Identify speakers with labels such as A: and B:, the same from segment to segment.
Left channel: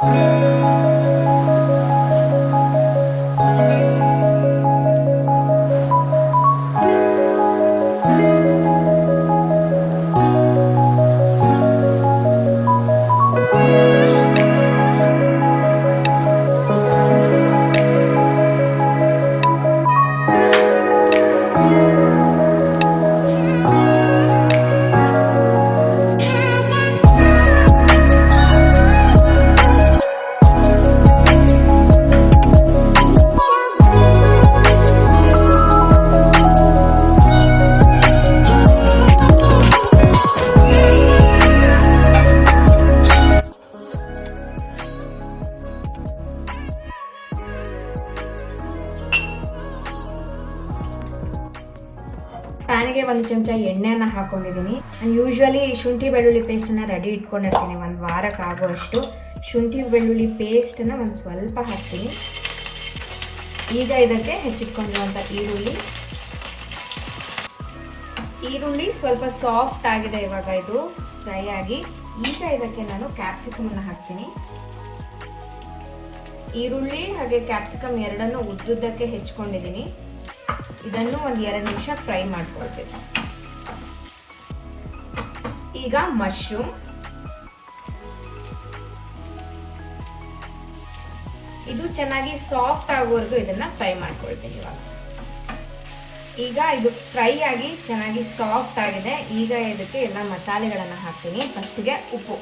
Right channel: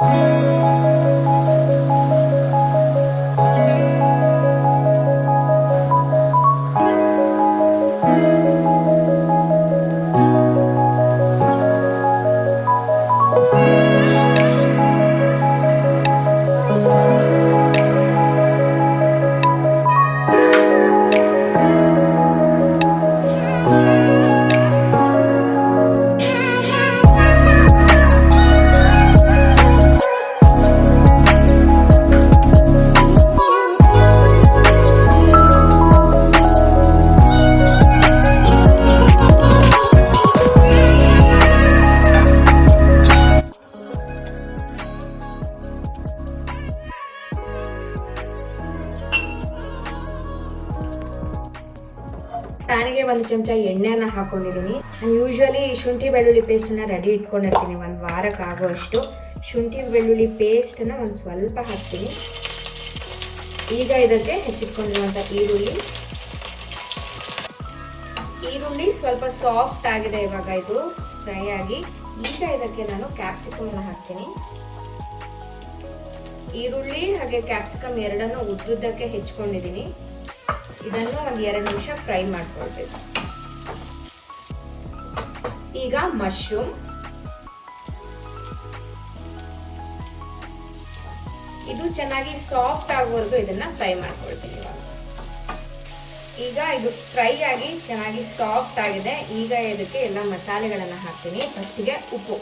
A: Música ಪ್ಯಾನಿಗೆ ಒಂದು ಚಮಚ ಎಣ್ಣೆನ ಹಾಕೊಂಡಿದ್ದೀನಿ. ನಾನು ಯೂಶ್ವಲಿ ಶುಂಠಿ ಬೆಳ್ಳುಳ್ಳಿ ಪೇಸ್ಟನ್ನು ರೆಡಿ ಇಟ್ಕೊಂಡಿರ್ತೀನಿ. ಒಂದು ವಾರಕ್ಕೆ ಆಗೋಷ್ಟು ಶುಂಠಿ ಬೆಳ್ಳುಳ್ಳಿ ಪೇಸ್ಟನ್ನು ಒಂದು ಸ್ವಲ್ಪ ಹಾಕ್ತೀನಿ. ಈಗ ಇದಕ್ಕೆ ಹೆಚ್ಚಿಟ್ಕೊಂಡಿರುವಂಥ ಈರುಳ್ಳಿ. ಈರುಳ್ಳಿ ಸ್ವಲ್ಪ ಸಾಫ್ಟ್ ಆಗಿದೆ ಇವಾಗ ಇದು ಫ್ರೈ ಆಗಿ. ಈಗ ಇದಕ್ಕೆ ನಾನು ಕ್ಯಾಪ್ಸಿಕಮನ್ನು ಹಾಕ್ತೀನಿ. ಈರುಳ್ಳಿ ಹಾಗೆ ಕ್ಯಾಪ್ಸಿಕಮ್ ಎರಡನ್ನು ಉದ್ದುದ್ದಕ್ಕೆ ಹೆಚ್ಕೊಂಡಿದ್ದೀನಿ ಇದನ್ನು ಒಂದು ಎರಡು ನಿಮಿಷ ಫ್ರೈ ಮಾಡ್ಕೊಳ್ತೀವಿ ಈಗ ಮಶ್ರೂಮ್. ಇದು ಚೆನ್ನಾಗಿ ಸಾಫ್ಟ್ ಆಗೋವರೆಗೂ ಇದನ್ನ ಫ್ರೈ ಮಾಡ್ಕೊಳ್ತೀನಿ ಈಗ ಇದು ಫ್ರೈ ಆಗಿ ಚೆನ್ನಾಗಿ ಸಾಫ್ಟ್ ಆಗಿದೆ. ಈಗ ಇದಕ್ಕೆ ಎಲ್ಲ ಮಸಾಲೆಗಳನ್ನು ಹಾಕ್ತೀನಿ. ಫಸ್ಟ್ಗೆ ಉಪ್ಪು.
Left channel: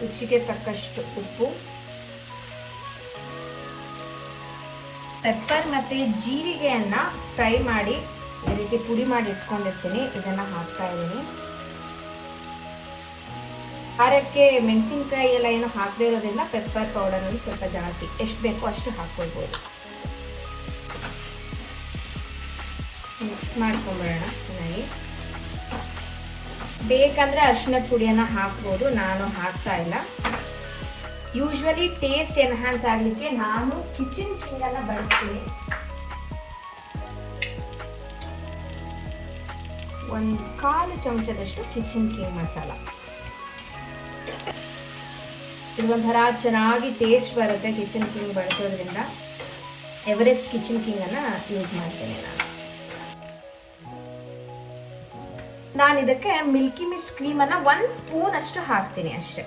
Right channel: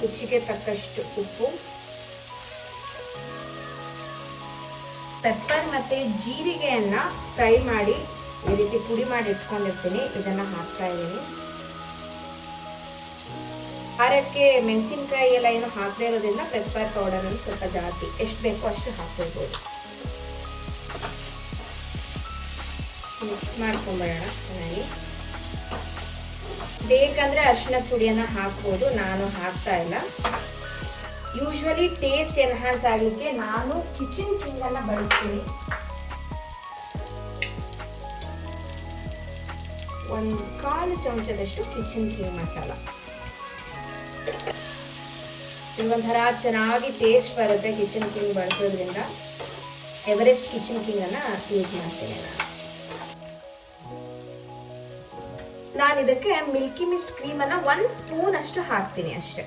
A: ರುಚಿಗೆ ತಕ್ಕಷ್ಟು ಉಪ್ಪು. ಪೆಪ್ಪರ್ ಮತ್ತೆ ಜೀರಿಗೆಯನ್ನ ಫ್ರೈ ಮಾಡಿ ಈ ರೀತಿ ಪುಡಿ ಮಾಡಿ ಇಟ್ಕೊಂಡಿರ್ತೀನಿ. ಇದನ್ನ ಹಾಕ್ತಾ ಇದ್ದೀನಿ. ಖಾರಕ್ಕೆ ಮೆಣಸಿನ್ಕಾಯಿ ಎಲ್ಲ ಏನು ಹಾಕದೇ ಇರೋದ್ರಿಂದ ಪೆಪ್ಪರ್ ಪೌಡರ್ ಅನ್ನು ಸ್ವಲ್ಪ ಜಾಸ್ತಿ. ಎಷ್ಟು ಬೇಕೋ ಅಷ್ಟು ಹಾಕ್ಕೊಳ್ಬೋದು. ಮಿಕ್ಸ್ ಮಾಡ್ಕೊಂಬರೋಣ ಚೆನ್ನಾಗಿ. ಬೇಕಾದರೆ ಅರಿಶಿನ ಪುಡಿಯನ್ನ ಹಾಕ್ಬೋದು. ನಾನು ಹಾಕ್ತಾ ಇಲ್ಲ. ಯೂಶ್ವಲಿ ಟೇಸ್ಟ್ ಎನ್ಹಾನ್ಸ್ ಆಗಲಿಕ್ಕೆ ನಾನು ಕಿಚನ್ ಕಿಂಗ್ ಅನ್ನ ಬಳಸ್ತೀನಿ. ಒಂದು ಕಾಲು ಚಮಚದಷ್ಟು ಕಿಚನ್ ಕಿಂಗ್ ಮಸಾಲ. ಒಂಥರ ಚೆನ್ನಾಗಿ ಟೇಸ್ಟ್ ಬರುತ್ತೆ ಕಿಚನ್ ಕಿಂಗ್ ಬಳಸೋದ್ರಿಂದ. ಎವರೆಸ್ಟ್ ಕಿಚನ್ ಕಿಂಗ್ ಅನ್ನ ಯೂಸ್ ಮಾಡ್ತೀನಿ ನಾನು. ನಾನು ಇದಕ್ಕೆ ಮಿಲ್ಕಿ ಮಿಸ್ಟ್ ಕ್ರೀಮನ್ನು ಒಂದು ಸ್ಪೂನ್ ಅಷ್ಟು ಹಾಕ್ತೀನಿ ಅಷ್ಟೇ.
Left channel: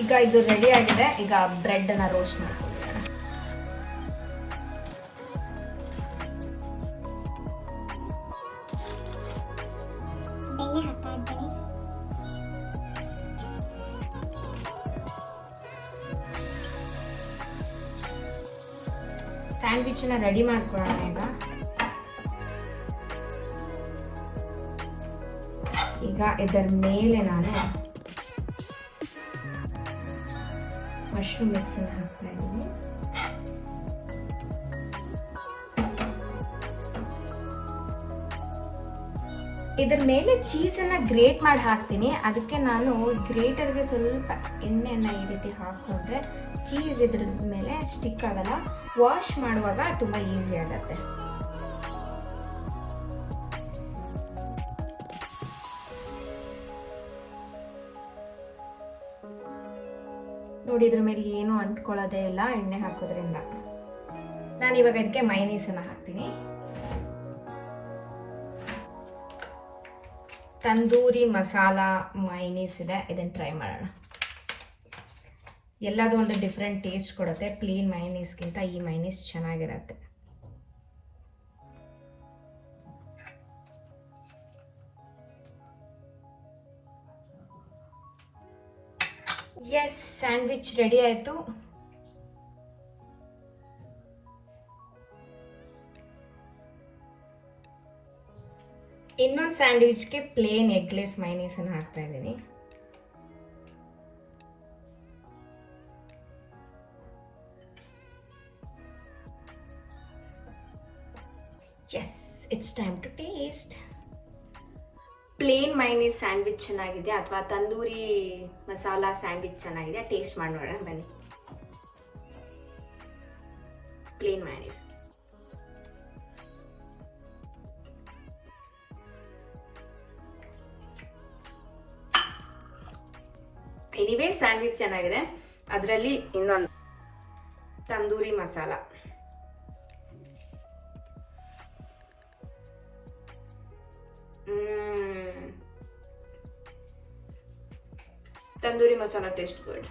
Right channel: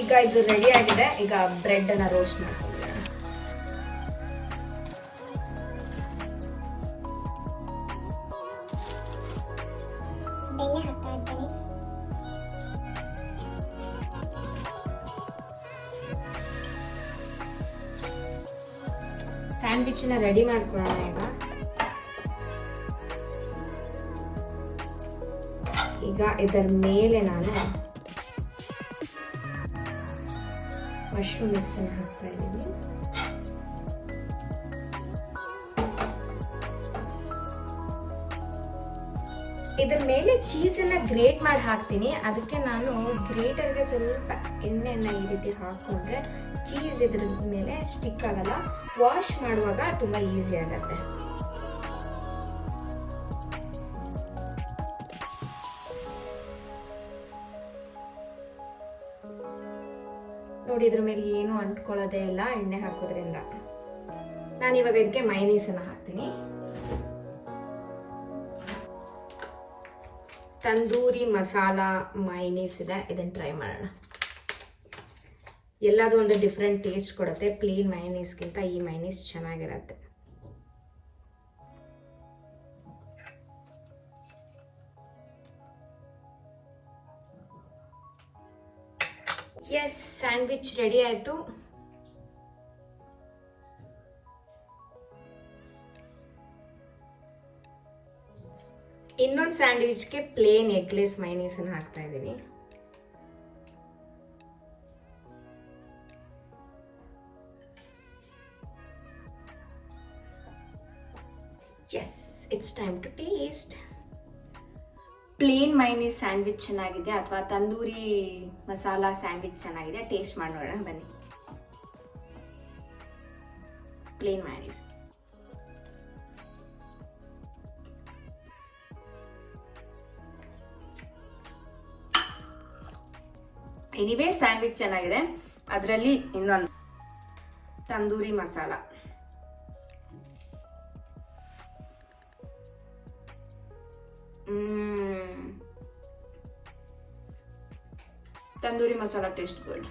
A: ಈಗ ಇದು ರೆಡಿ ಆಗಿದೆ. ಈಗ ಬ್ರೆಡ್ ಅನ್ನ ರೋಸ್ಟ್ ಮಾಡೋಣ ನ ರೆಡಿ ಮಾಡ್ಕೊಳ್ಳೋಣ ಈಗ. ಈಗ ಇದರ ಮೇಲೆ ನಾನು ಮಶ್ರೂಮ್ ಮಿಕ್ಸನ್ನು ಹಾಕ್ತಾ ಇದ್ದೀನಿ ಇದ್ರ ಮೇಲೆ ಚೀಸನ್ನ ಗ್ರೇಟ್ ಮಾಡಿ ಹಾಕ್ತೀನಿ. ಅದಕ್ಕೆ ನಾನು ಗ್ರೇಟರ್ಗೆ ಸ್ವಲ್ಪ ಎಣ್ಣೆಯನ್ನು ಈ ರೀತಿ ಹಾಕೊಂಡ್ರೆ ಚೀಸ್ ಇದ್ರ ಮೇಲೆ ಸ್ಟಿಕ್ ಆಗಲ್ಲ. ವಾಶ್ ಮಾಡುವಾಗ ತುಂಬಾ ಈಸಿ ಆಗತ್ತೆ. ನೋಡಿ, ಇದ್ರ ಮೇಲೆ ಏನು ಅಂಟ್ಕೊಳ್ಳೋದೇ ಇಲ್ಲ, ಎಣ್ಣೆ ಹಾಕೋದ್ರಿಂದ. ನಾನು ಇವಾಗ ಇದಕ್ಕೆ ಮೈನೀಸನ್ನು ಹಾಕ್ತೀನಿ. ತಂದೂರಿ ಮಸಾಲ ಮೈನೀಸ್ ಇದೆ ಇದನ್ನು ಟ್ರೈ ಮಾಡೋಣ. ಎಲ್ಲದೂ ಒಂದು ಡಿಫ್ರೆಂಟ್ ಟೇಸ್ಟ್ ಕೊಡುತ್ತೆ ಪ್ಲೇನ್ ಮೈನೀಸ್ಗಿಂತ ಈ ಮೈನೀಸ್ ಚೆನ್ನಾಗಿರತ್ತೆ. ಎಸ್ ಸ್ಯಾಂಡ್ವಿಚ್ ರೆಡಿ ಆಯಿತು ಇನ್ನೊಂದು ಸ್ಯಾಂಡ್ವಿಚ್ಗೆ ಪ್ಲೇನ್ ಎಗ್ಲೆಸ್ ಮೈನೀಸ್ ಅನ್ನು ಹಾಕ್ತಾ ಇದ್ದೀನಿ as it's time to taste plain mayonnaise sandwich ಚೆನ್ನಾಗಿದೆ ಅಥವಾ ತಂದೂರಿ ಮಸಾಲ ಸ್ಯಾಂಡ್ವಿಚ್ ಚೆನ್ನಾಗಿದೆ, ಟೇಸ್ಟ್ ಮಾಡೋಣ ಬನ್ನಿ. Plain mayonnaise. ಎನಿವೇ ಸ್ಯಾಂಡ್ವಿಚ್ ಚೆನ್ನಾಗಿದೆ. ಅದರಲ್ಲಿ ಇನ್ನೊಂದು ತಂದೂರಿ ಮಸಾಲ. ಮ್ಮ್. Tandoori masala taste good